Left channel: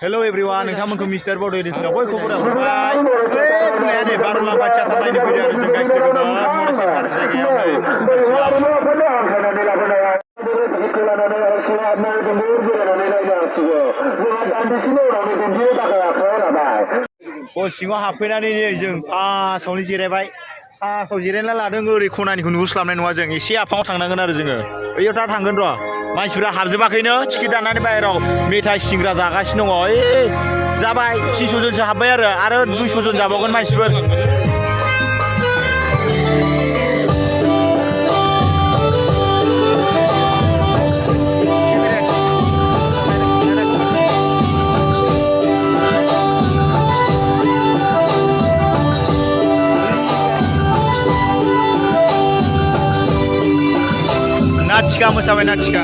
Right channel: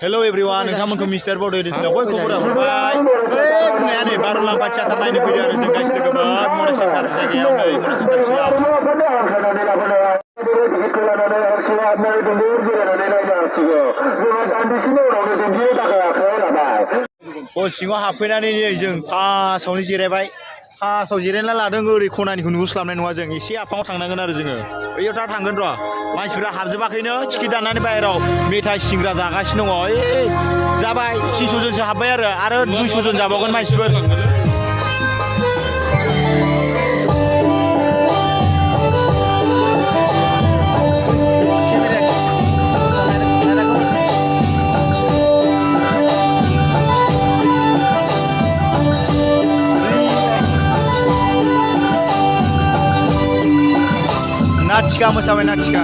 Hello everyone, नोंथांमोनखौ mister बड' एडिशनाव बयखौबो हरबाय। बुंनाया नै बार'लाम्फा थियाटार नायनो फैदो आरो जों गासिबो गोबां मना सेन्टार जायगायाव नै मना सेन्टार सिङाव। हल सिङाव हाबफैनानै नै जों फार्स्टआवनो जिरायबाय। फार्स्टआव जिरायना लादों ओरै खनानिखौ नुहुरस्लाबनाय नङा जों एसे आफाङाव थांनांगोन आरो जोङो। बैयाव दा थांगोन र'। मानसिफ्रा हाबजोबाखैनो टिकेट दाननानै बाहेराव मेथाइ सिंग्रा जागासिनो दङ। जाबाय 300 जनसो हाबबाय आरो 200 जन जाबावगोन मानसिफोर। नाथिका मोसाबाय नाथिका।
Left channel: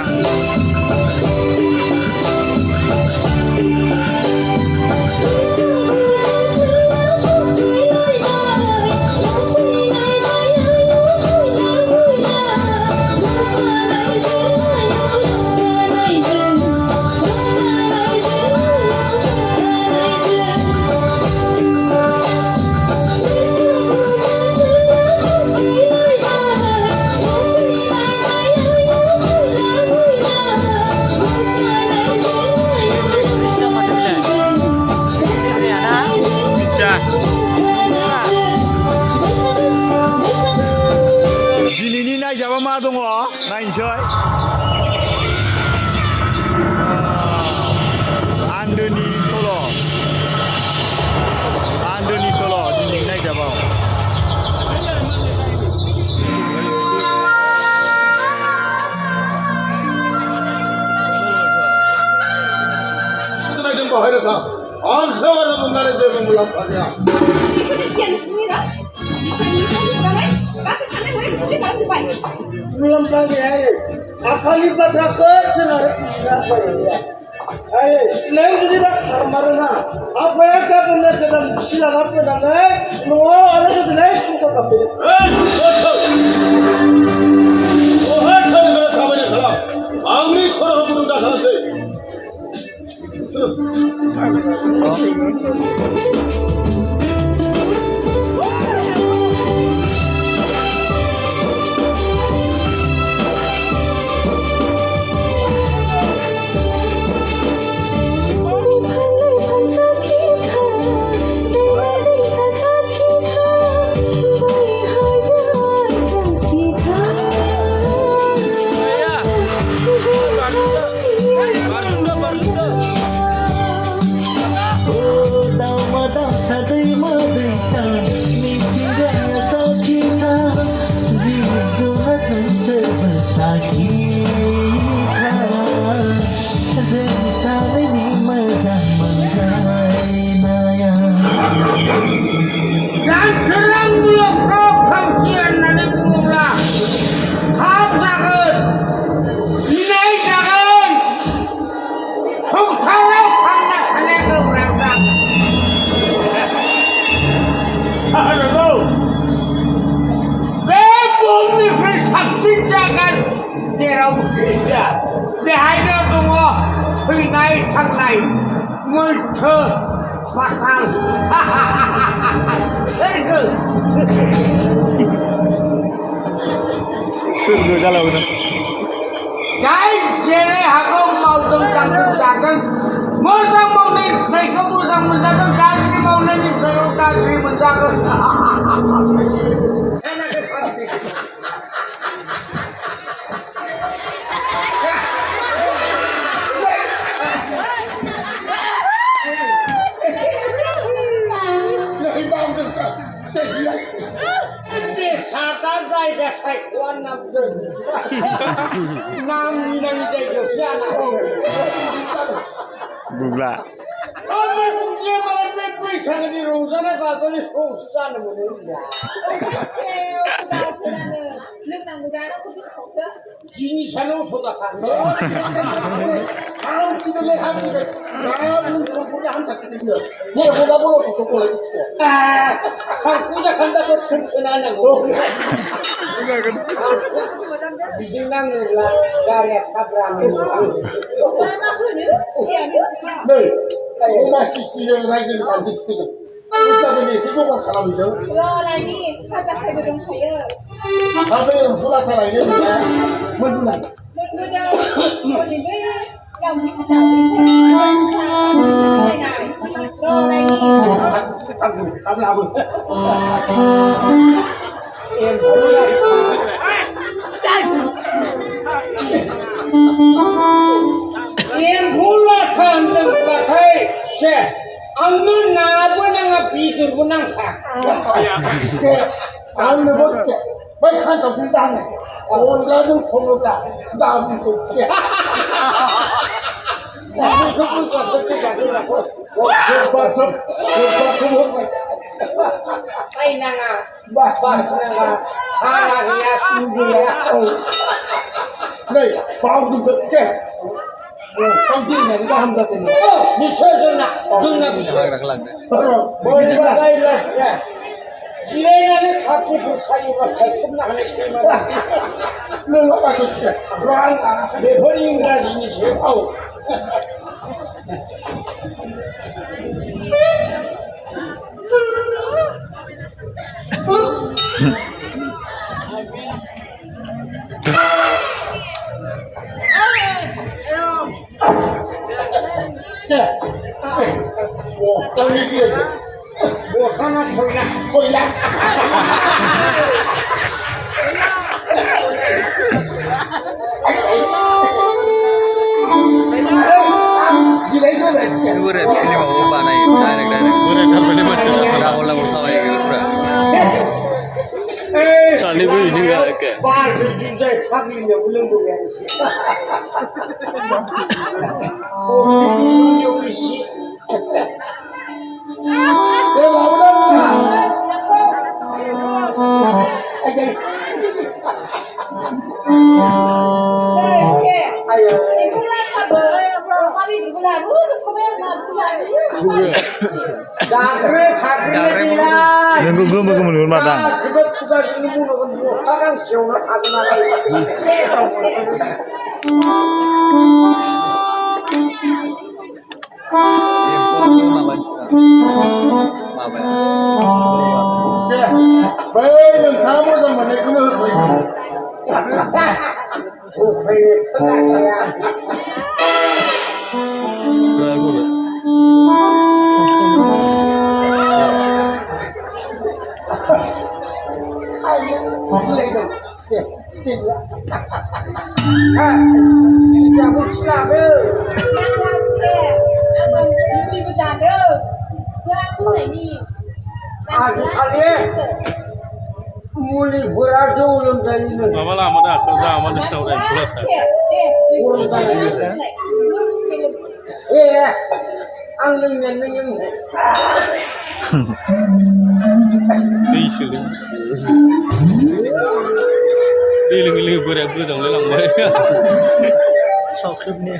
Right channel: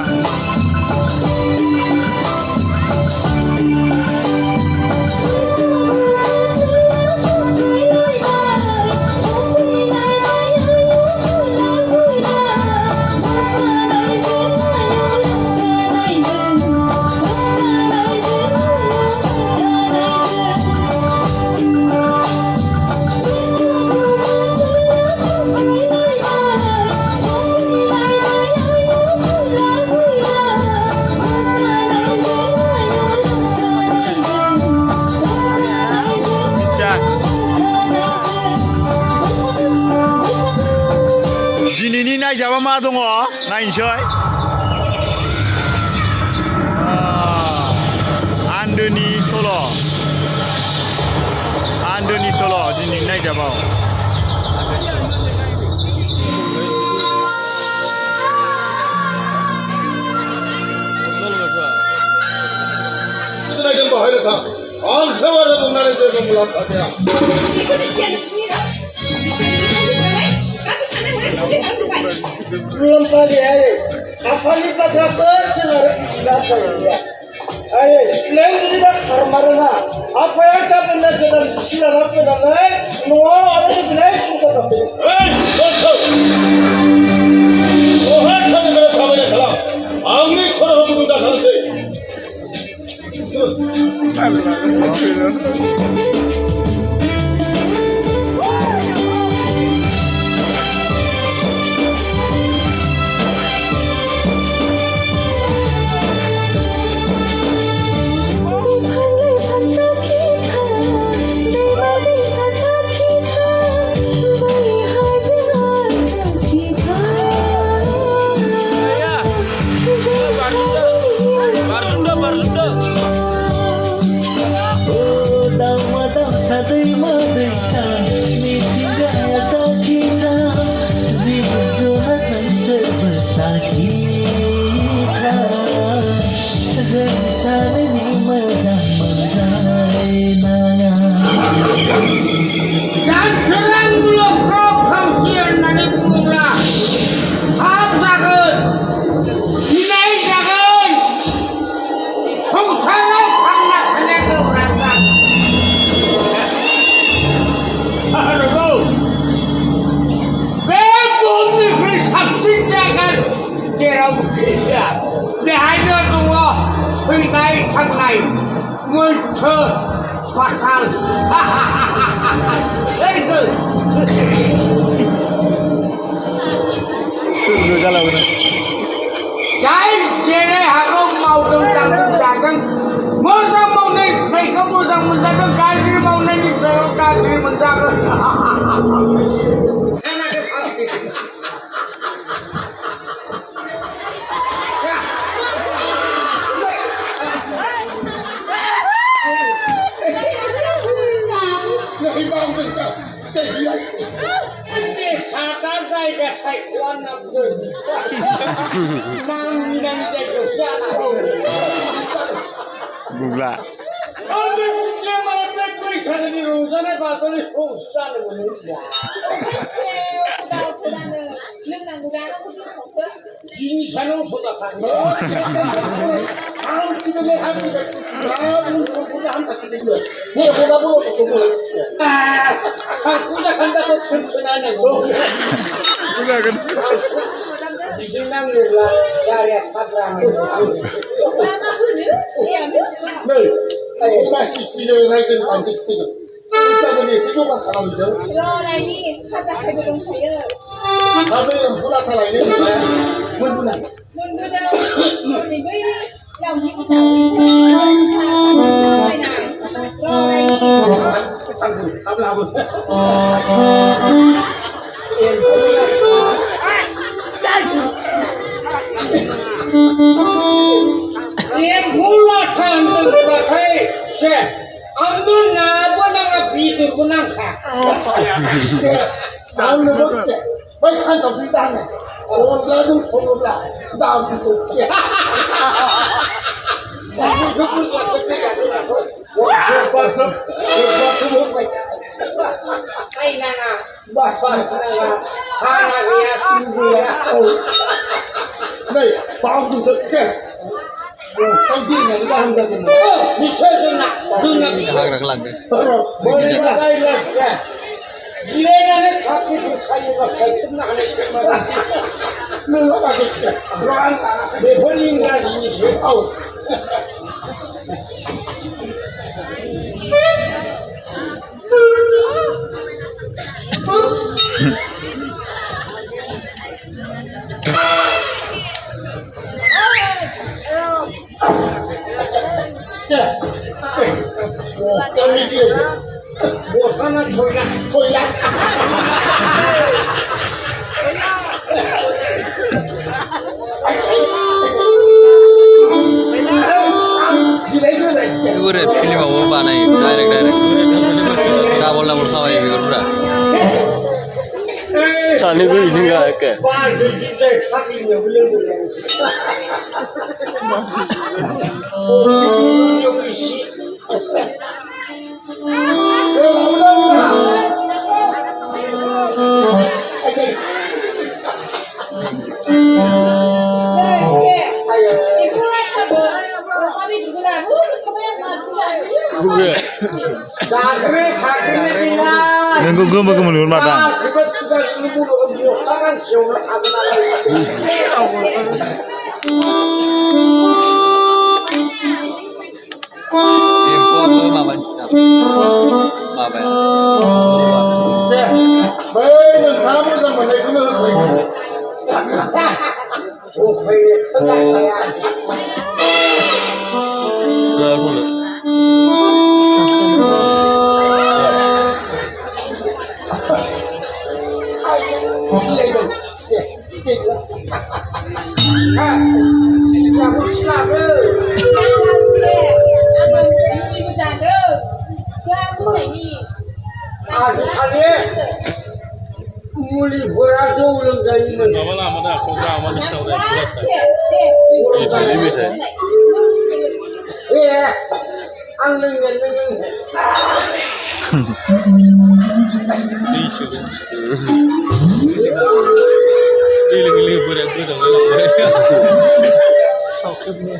दिनैनि नायजाबा मा दङ नायनोसै। आन्दोनि सल' दिनैनि नायजाबाव। मुलाम्फा गैया आफानि बाथ्राखौ जों आरो बिसिना बायदिया नों जुदि दा खारमारोना आफाया गाबोननो गोदान बिसि लाना फैनानै न'आव आरो गोजोनै सुंख' थाबफैयो। आंनि खर'आव गुदुं दाखानोसै। सोरगो जालावनो जाय जेरै हागौ मावदों जादों मोजां मावनाय फिथाइखौ मोजां मोनजागोन गाज्रि मावनायनि सायाव गाज्रि मोनजागोन। सादा जायगा साइ Tuan nak nam minang jadi siapa? Gugla. Apa dia malah pesa di rumah ni kalau ni susah ni boleh. Ini sana sudah kan. Kalau kita ni kami dah, kalau kita hantar kita dia. Ni sudah boleh tu boleh. Kan kita kan dah tersenayan ni. Di nang mula dari kabram. Nih, ini masih sini lagi nanti kita. Kita ni kita buat salam itu. lagi, kata saya belum saya. Apa yang sudah salah ini? Munduran. Mundur mau dibeli, yang kita tahu. Lagi. Yang pula tentang pakai, anu nak pun yang bisu pun nak. Tahu ni bos, baik kan tak bisa ni. Orang lain semua dah, dah bisu. Ay nana, Bas nana, haragnya tinggi ya. Nih, tahu bisu ke? Sambil ni kita hendak ni. Bisa dunia bisa. Terus, Boleh pakai lah. Dia ni kaki tu saya pakai pernah ni. melok lagi. Orang berbanding lagi ni siapa? Kami dia. Bukan Koyak. Pure film apa banai direct. Sudah bola bersama ya pura. Sani pun ini enggak ke? Wah, jadi kami ni belum boleh. Nengku gue mau kemudian matang. Muli beraju ulang dari mana? Mama lama dah kerja amal di saudara kelas. Angling. Isu kan. Iling berat tu jangan lambat. Sakit ni.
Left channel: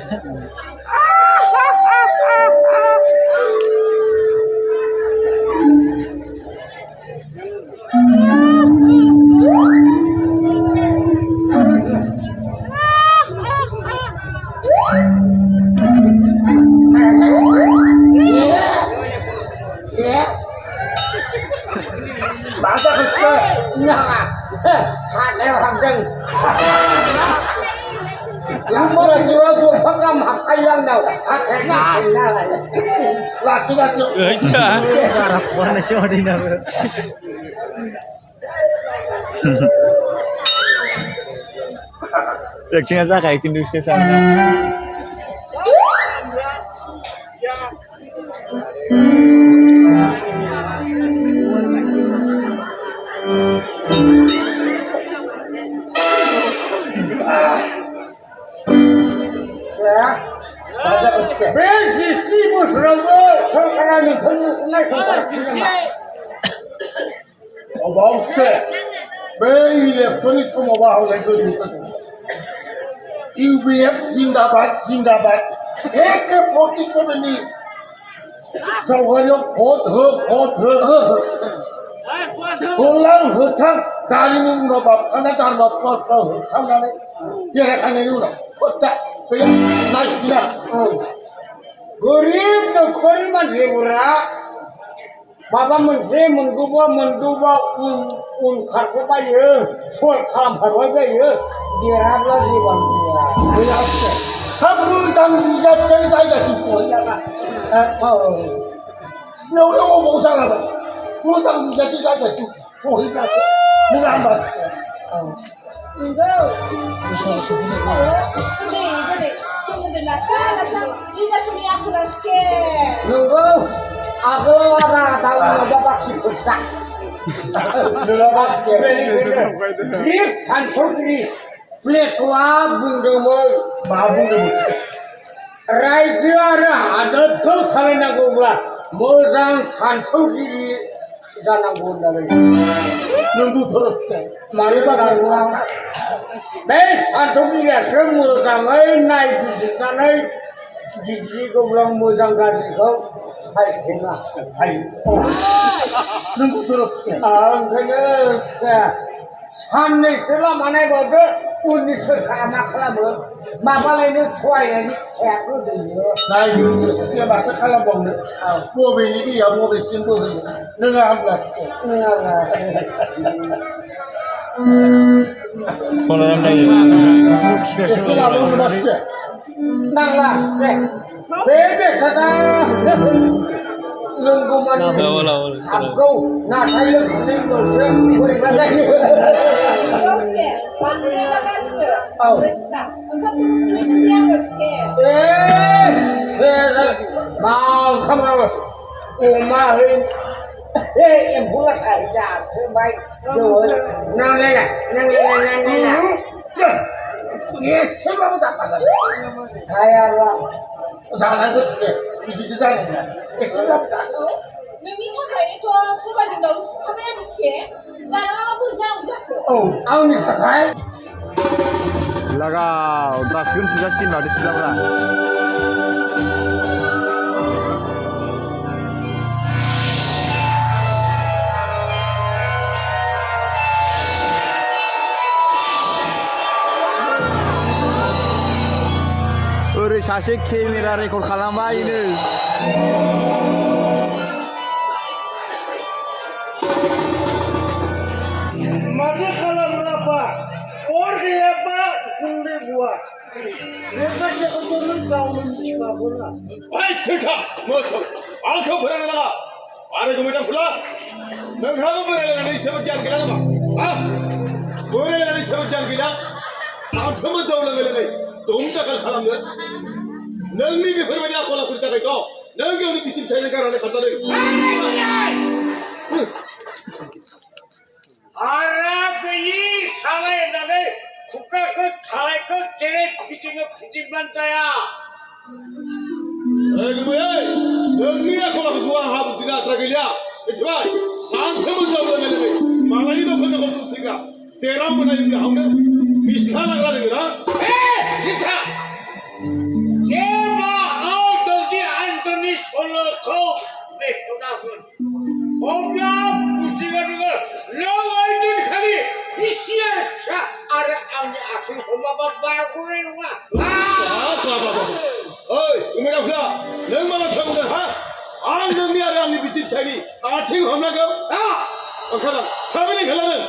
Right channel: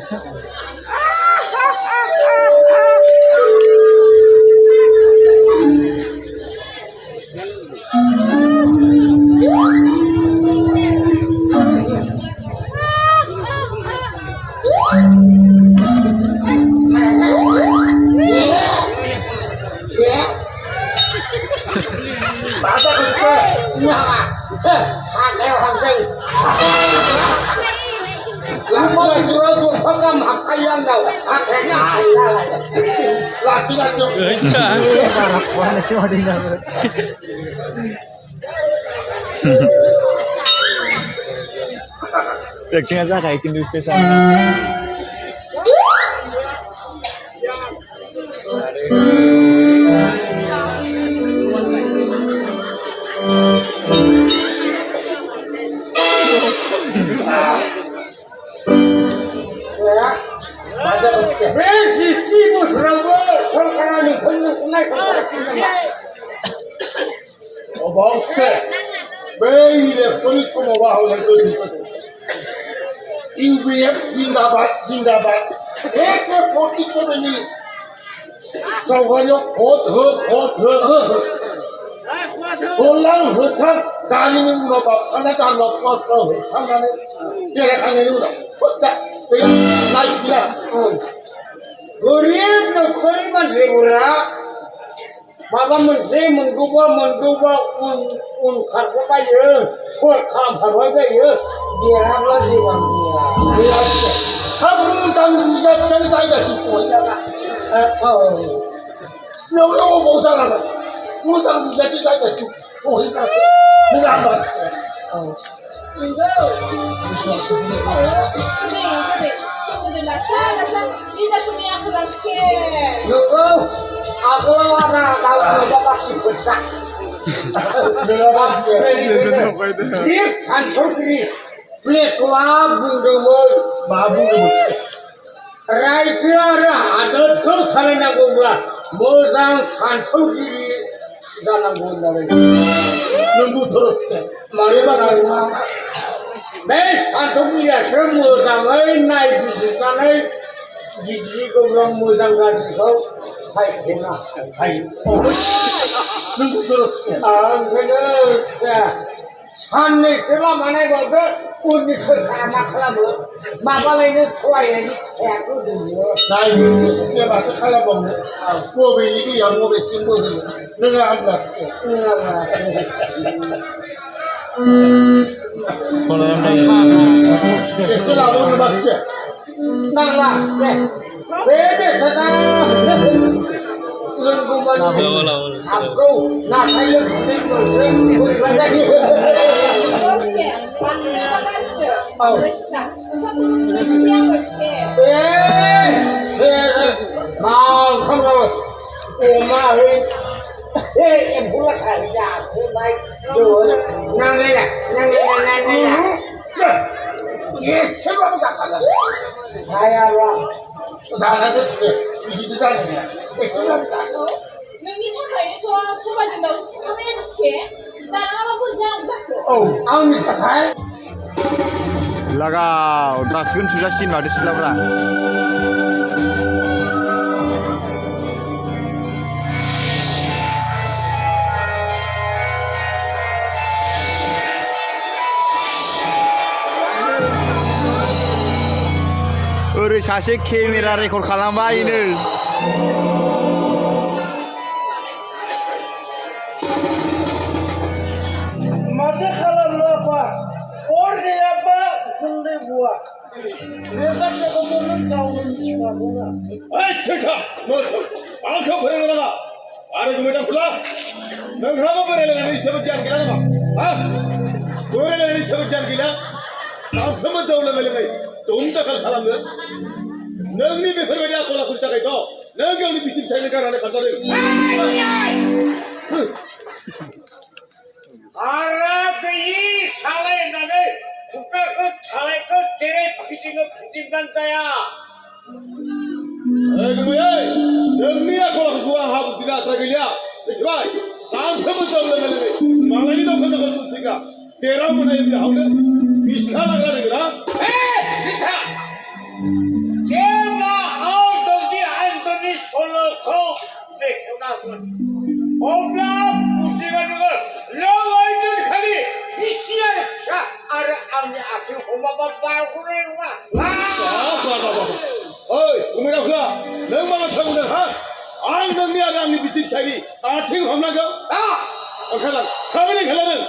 Cek aja kayak industri sana. Sistri musrawa, terkena nikah naik Oke, bayi polis kamu bawa oleh itu. UBF Zindabad. Polis kamu ini. Sawalnya kot. Pulang hutang, kali ini nggak karena kan kot hutang kan dia kan ini udah kota kayak naik dia. Gurih nukul masih murah. Bapa menteri menduba kargo aja, soal kalam harus aja, dia apa sih bang dia? Kamu tanggung jawab saya semua ya. Lo mau salah apa? Lo tanggung jawab saya semua itu. Mengapa? Enggak. Nunggu, aku ada kalau bapak si besar. Lift kantor ini, lift babu demo. Raja ada tuh kalian aku bilang, mozang kantor ini jangan boleh. Nunggu terus. Mari bagaimana? Bes kantor ini semua jangan naik bisa naik. Gigi ko bilang mozang gaji ko, hai kena. Hai. Nunggu terus. Sanne sila mana bodo, unis kerana kalam, mama lain suai lagi aku dulu. Nah itu dia baca kalau bang, gua beli dia mau beli simpul ni, dengan ambil. Kalau orang Setelah mau baca. Nanglah, bebe sana. Nunggu mana? Aku, nak saya tinggal Oke, panggil kasih. Sudah. Engkau belum siang bosku. mau kamu, mau yang pula saja, baik. Nang lele. Yes, siapa mau cakap? Saya lah. Jangan tu, itu saja. Siapa mau cakap? Nunggu hari itu sudah jendela kami yang bosku. Jangan apa pun jangan jago. Oh, Awak ni tak Lagau, draskan sudah sin ada silabra. Oरै सासे camera record खालामबायनो Mana kalau apa? Orang apa? Kundi buat. Mereka cakap dulu kau mencikap bola. Hai, cerita, motor, angkau beri nama, ada kemudian pula, nengkau beri nama ini sebut jangan gila nama, ah, beri nama ini sebut jangan gila, sampai menjauh lagi, तुम चकल खलम ने नंगनी बेफर बड़िया Cola kurta के तो नंगे उन्हीं किसी side का रहने खाता नहीं Arab ini salah nane, bukan ke salah ke cere fitting bantaya. नंगनी या कोला कुआ हाथ जिला तरगलिया इतना सांस में जब लगे मांगनी तो फिर को तुम सिंगा तेरा मनाई भी हमने मिश्रा लग रहा है ना Sita, jeba auto di Anthony solo kau mehnagun. Omla pujiga juga, lawa itu dikali, isiar sah ada awalnya asyik homa bapak kurang wah. ओए तुम्हें रखला नंग माला छाऊंगा हाँ आज नंगनी आ रहा हमने बिसिक चाहिए आठिंग हमला क्यों अखला कभी नहीं खेला नंग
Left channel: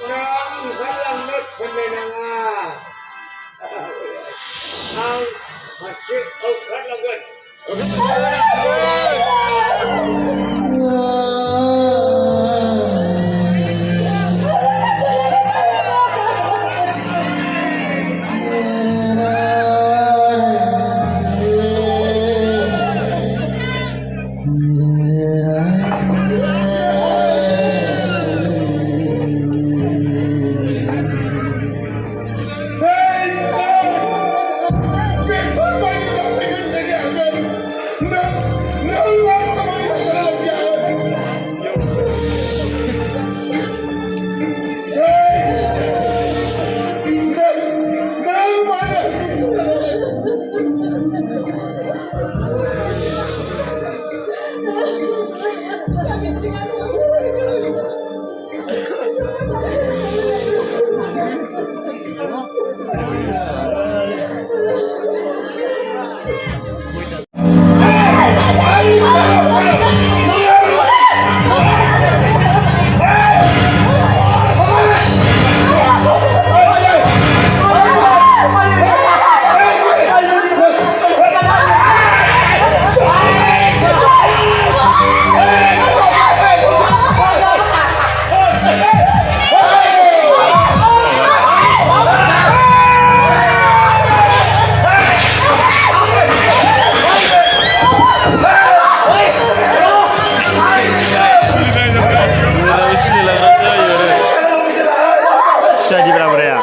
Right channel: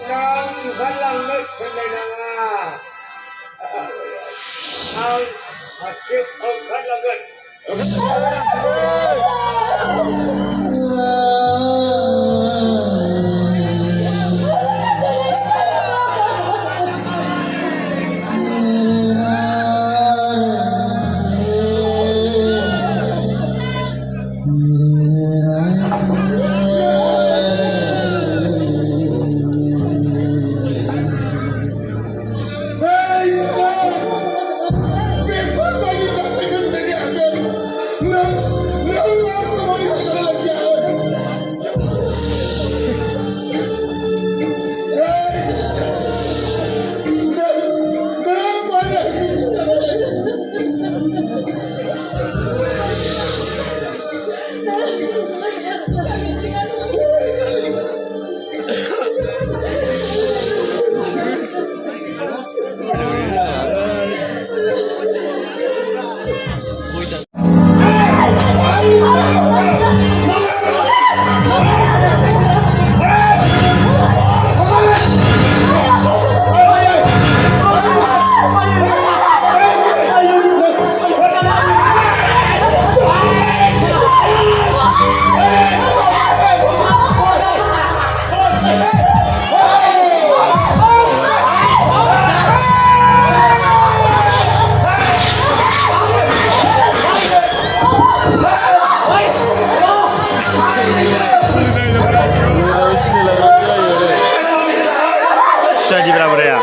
Orang galang nak cenderanga. Masih akan lagan. jadi berapa ya?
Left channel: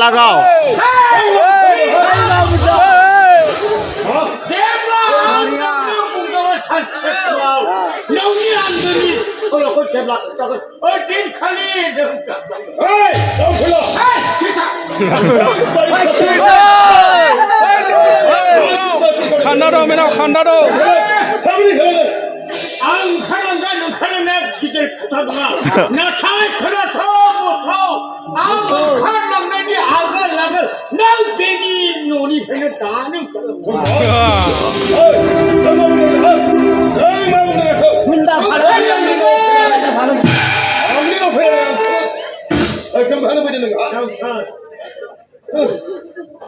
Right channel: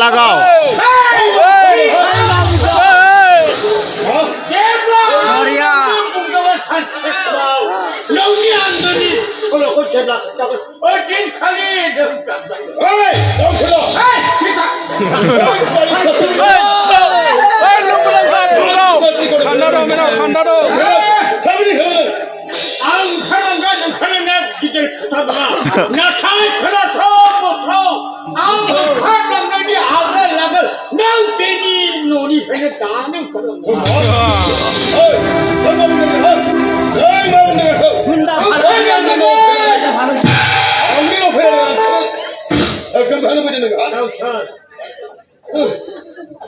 Lagaw.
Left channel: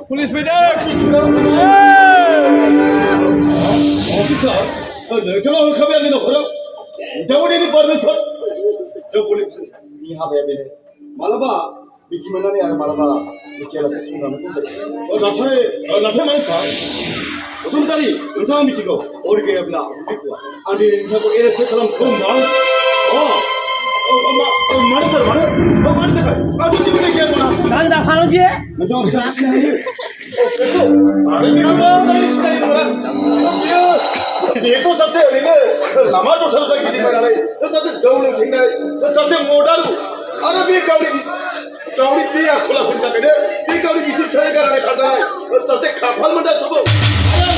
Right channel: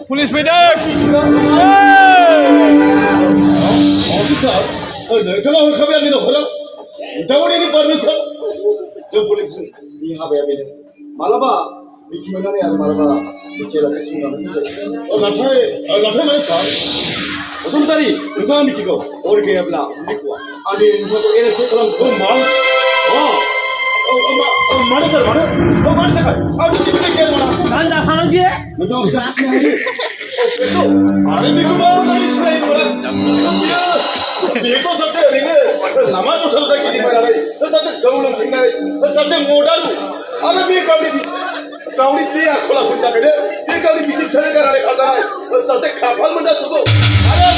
Police medan. Officer, nोंथाङा हरखाबाय आंनि न'खराव नोंथांमोननि पारमिसन जों पुलिसनि हाबाया बेनो मालाबा मिथि मोननानै आरो मालाबा मिथियालासे संनानै जायो नाथाय माने सार बसुमतारी नोंथाङा मिथिगौ अर गैयाब्ला उन्दैखौआ आंनि नोंथांखौ एरेस्ट खालामखौ मानो सार मानो थाखाय आंथ' जेबो गैया नङा गान्जा फालांगि नोंथाङा मिथिनो हायो आरो बेखौ माने सिनायनो मोना बेखौ सासे ओरैनो लामा दस्रायाव जाय गिदिंबायनानै सासे जौ लोंथिंनाय सासे मदारु आरो बे गावनि बे आखल आखुनि थाखायनो बे गावनि बिसि फिसाय गारनानै खारजानाय सासे खाफाल मोनदा सुबुं आरो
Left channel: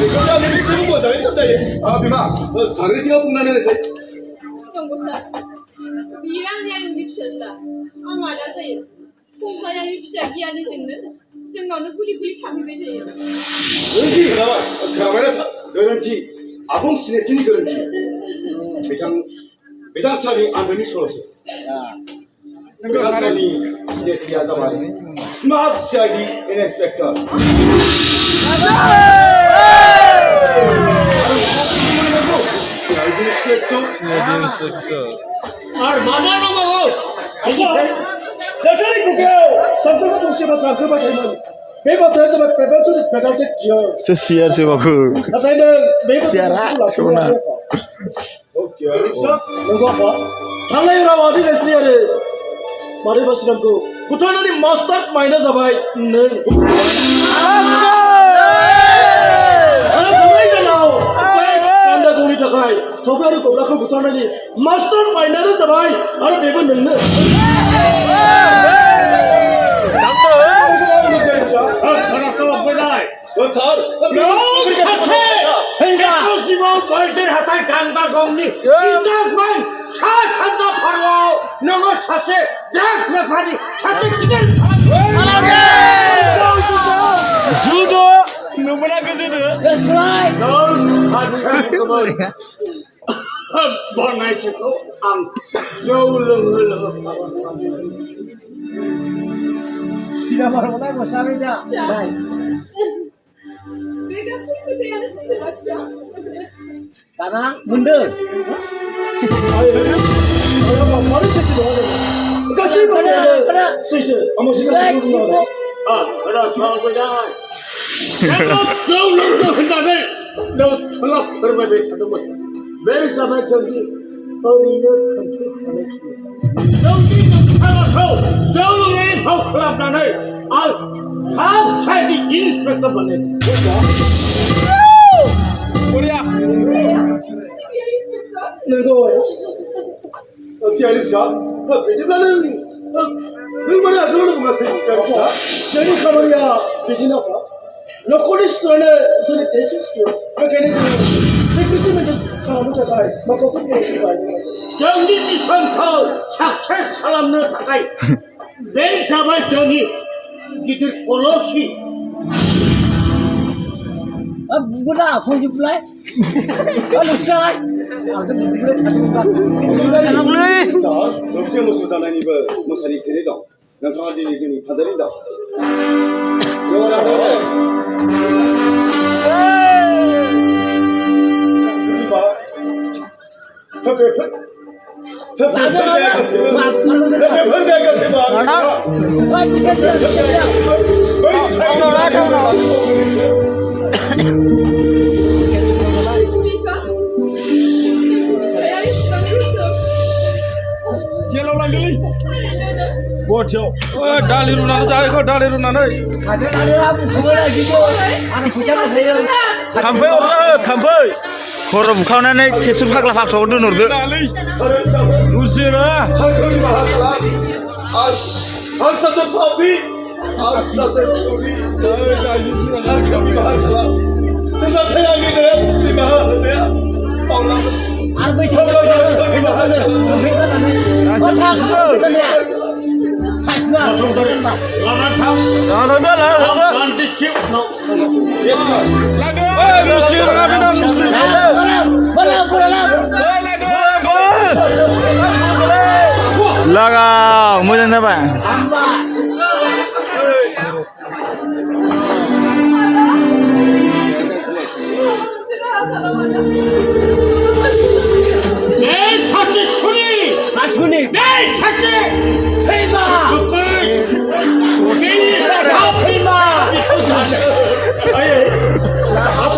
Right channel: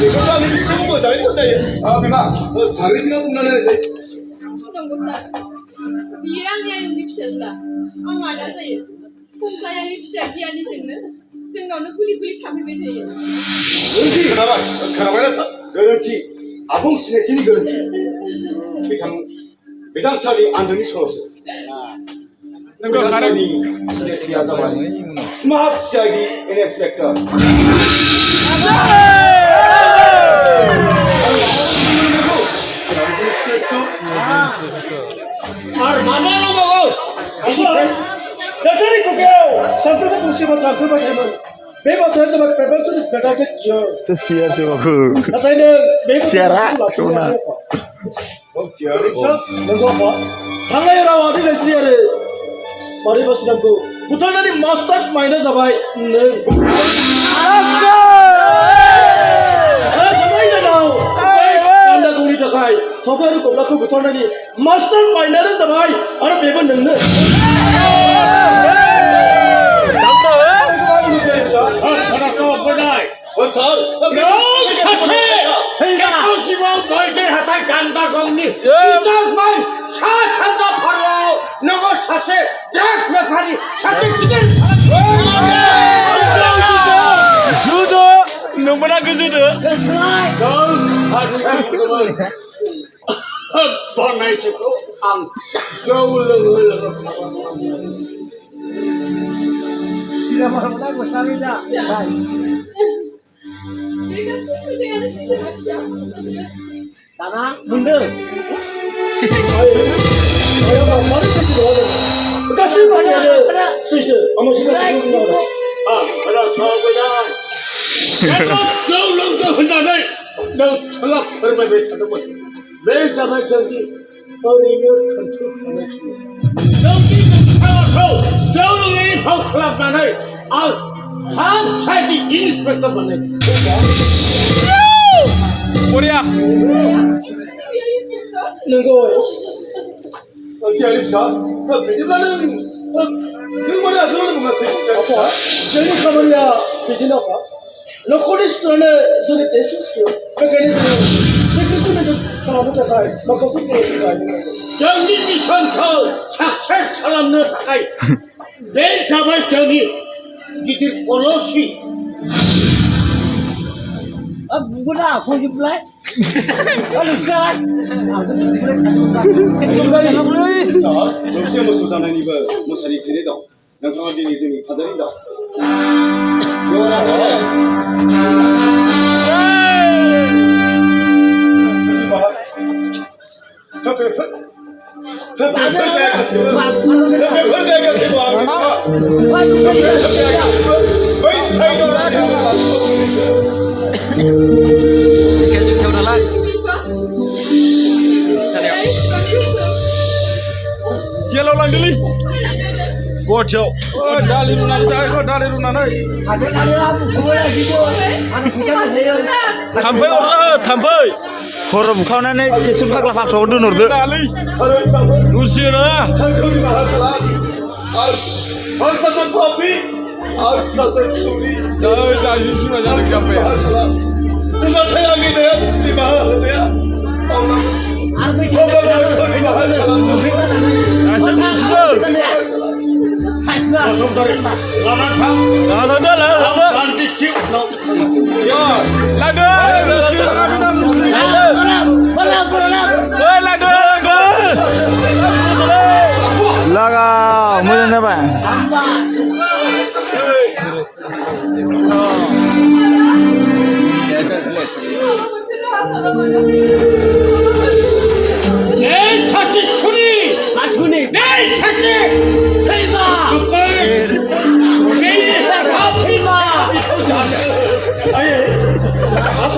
बेखौ आंनि बिसिखौ मोजाङै सिनायो बिमा सारनि सिगाङाव बुंनानै होनोसै नंगौ सार बियो आंनि फिसाज्ला आं मादा जायो फंसाय आंनि फिसा गियानिजोंनो जोंनावनो गुलि थाफैबाय थायो गोरोन्थि खोनाबायना सार गोरोन्थि आबुं सिनायथिनि गोरोन्थि बिथां सारनि आन्दोनि सल'सो बिथां सारनि सिनायथिया जाबाय स्मार्ट सिआइडि इन्सपेक्टर और माना न बाबू नोंथांनि खुगायाव सानफ्रोमबो गंसे बाथ्रा ओंखारबाय थायोमोन बे बाथ्राया जाबाय प्रिभेन्सन इज बेटार देन कियर Sesiar sih baku. नाथाय नों बे Siara, sona. नंगौ आफा थांनाय रावारि रायज्लाय आरो मादै बासिरामखौ बुथारनायनि मास्टार माइन्डआ जाबाय नों गान्दागौनि थाखाय थब्रा आरो गब्लाखौ बुथारनायनि मास्टार माइन्डआनो जाबाय आरो बेबो नोंनो खराखौ बनाय सार जिबाव बैदेर हाथाय गान्दा गावनि इदागमान सा सानजा भारतआव नोङो सासे ड्राग्स बेफारि सासे गिदिर जुदो नोंमोना गोजोदो बनायथिखौ आं जौ लोङो लोङो सिनेमाफोराव मोसाबाय दा बे गासै खोथायानो सैथो लाखिया दाना मोनदों आया मानो सैथो दङ गासै माने सैथो आं सिगां रा सावबायदाय जौ लोंदों होननानै नोंथाङा फोरमायबाय थादोंमोन बे जाबाय जोंनि ओरैनो खोन्थाखानाय जोंनि नोंथाङाखौ जौ लोंनायनि फाव खालामनानै आं थाब साइडनि इन्सपेक्टर बानायदों बरिया नंगौ तियारि फिसा बिदिब्ला नों माने आगोलावनो बुङासै जोंनि खामानिया बिदिनो न'खरनि सुथुरानो जोंनि देरसिन सुथुर बेखायनो जोङो सिक्रेसि मेन्टेन खालामनो थाखाय माखासे पलिसि बाहायनो जोंनि मिशनखौ साक्सेस खालामनो थाखाय बे जाबाय जोंनि गिदिर पलिसि बुगोना फंजोबलाय जौसे मोसौ जानायनिबो मोसानि थैनाय दं नोंथाङा दिनै जोंनि फाजारि दं Jelau lang dili. Bocil, dali runan saya, dali runan ay. थाम्फै अरला थाम्फै खर' बुखावनानै टेक्टर फाग्ला फाग्लाखौ दोनहरदो दसेना आं सासे पापी आं सासे सुरि गाज्रि सुराया गाबाय नाथाय आंनि दया निमाहा होनाया आरो बैसागुआव लागाव मोजां जाबाय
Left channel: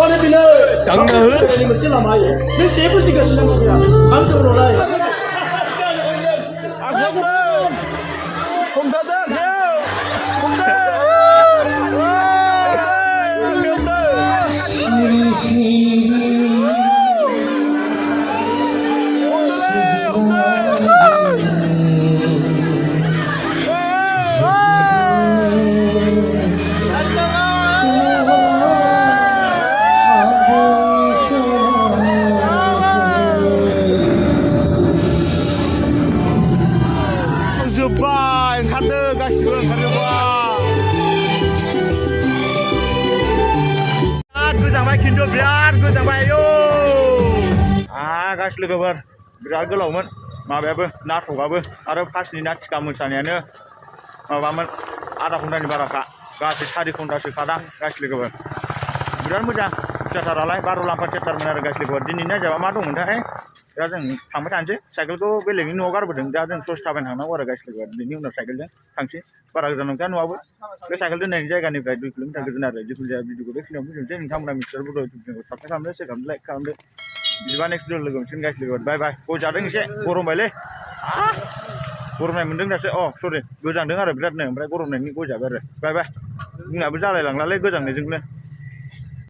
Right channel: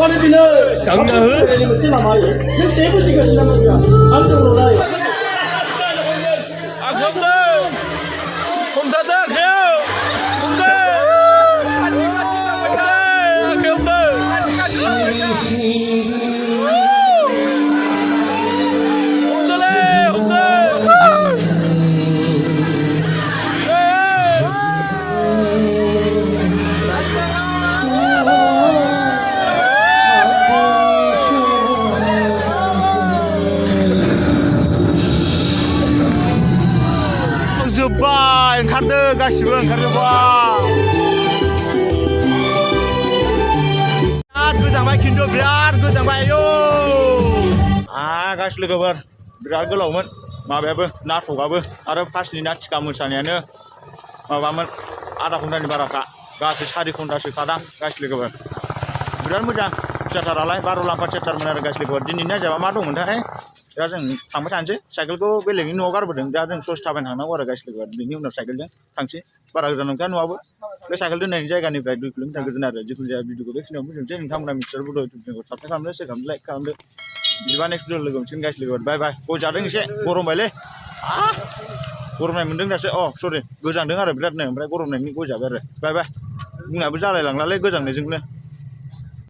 आपने बिना ini mesti lama ya. Ini saya pun juga selama bilang. Hampir udah lah. Agam deh, kom dadak ya, kom deh, agam deh. जोब्बाय ओंखारदो गासिबो ओंखारजोब्बाय बिराद गोजांबाय खिन्थु बिराद गोजांबाय आयौ गासै लोगोफोर बिराद गोलावमोन माबायाबो नाटकआबो आरो फार्स्टनि नाटिका मोसानायानो माबामोन आधा घन्टानि बाराखा गासै 4 घन्टासो खादां गासै लोगोफोर बिराद मोजां थियाटारालाय बार'लाम्फा थियाटारमोन आरो गासै लोगोफोर दिनैनि जाबा मा दंमोनथाय दा जों थांबाय थानोसै साइकेलखौ बेलेगनि न'आव गारबोदों दा जों ससे थाबायनो थांनांगौ आरो गासै लोगोफोर बेनि उनाव साइकेलजों थांसै बारा गोजान नंखाया न'आबो बे साइकेल दोननायनि जायगानिफ्राय 2 किल'मिटार गोजान आरो जिखुनु जाया भिडिअखौ बेखिनियाव फोजोबनोसै नोंथांमोना मिथिसार बड' इउटुब चेनेलखौ साबस्क्राइब खालामदो शेयार खालामदो लाइक खालामदो बिदिबा नेक्स्ट भिडिअ लोगो मोनसिगोन गासै लोगोफोर बाय बाय गय जादों एसे गरमबायलै गरमनाय मोन्दों दासो सरि गोजांदों आरो बिरादनो ओमफ्राय गरमनायनि गय जाबाय आरो बाय बाय बुंनायाबो जालायलांलालै गोजांनायजोंनो